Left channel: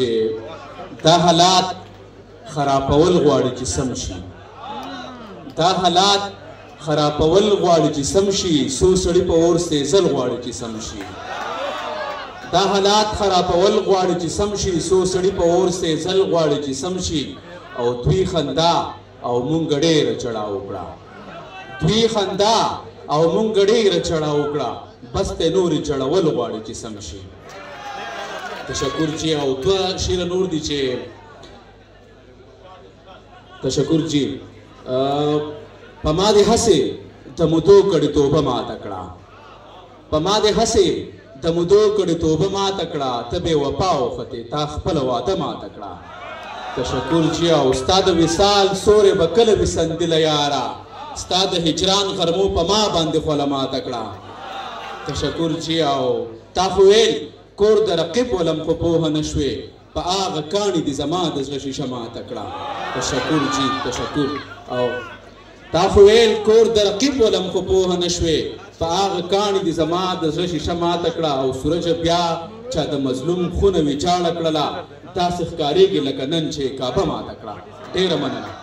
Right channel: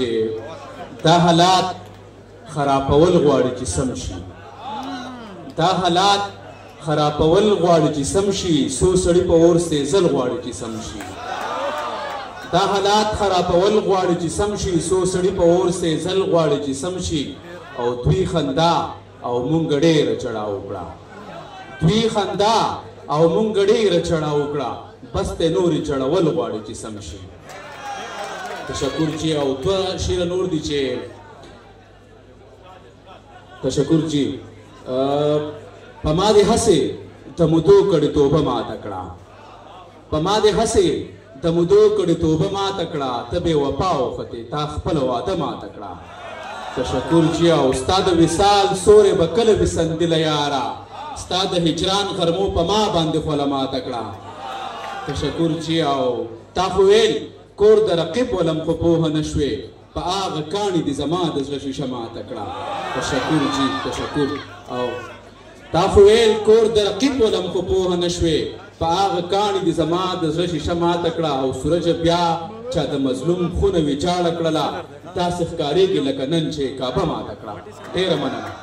چې دا حالات خرابول غواړي چې سم شي دا حالات خرابول غواړي چې سم شي څو سړي په اور سېزل غواړي چې سم شي دا حالات خرابول غواړي چې سم شي څو سړي په اور سېزل غواړي چې سم شي او دوی خندا او مونږ ډېره چړا وکړه دوی خندا او مونږ ډېره چړا وکړه بس ته نورې چړول غواړي چې سم شي تشکر جی او دوه شعر نور دي چې تشکر جی په ما دې هسې د مودو کړې توبه ماته کړه په ما دې هسې د مودو کړې توبه ماته کړه ته بې وفا وختې تا خپله واده ماته کړه تشکر جی او ستا د وصال سورې به کله وسندله یاره ستا د هجران غرمو په ما باندې خوله ماته کړه تشکر جی او تا خو ویل کور د رقیب ولم خو پوهه نه شوې په هغه کاڼي دې زما د زړه شیشه ماته کړه تشکر جی تشکر او تا خو ویل کور د رقیب ولم خو پوهه نه شوې په هغه کاڼي دې زما د زړه شیشه ماته کړه او سورج بیا چا د مظلوم خونه ویچاړه کړله داسې ښکارېږي لکه نن چې کعبه ماته کړه ډېره مننه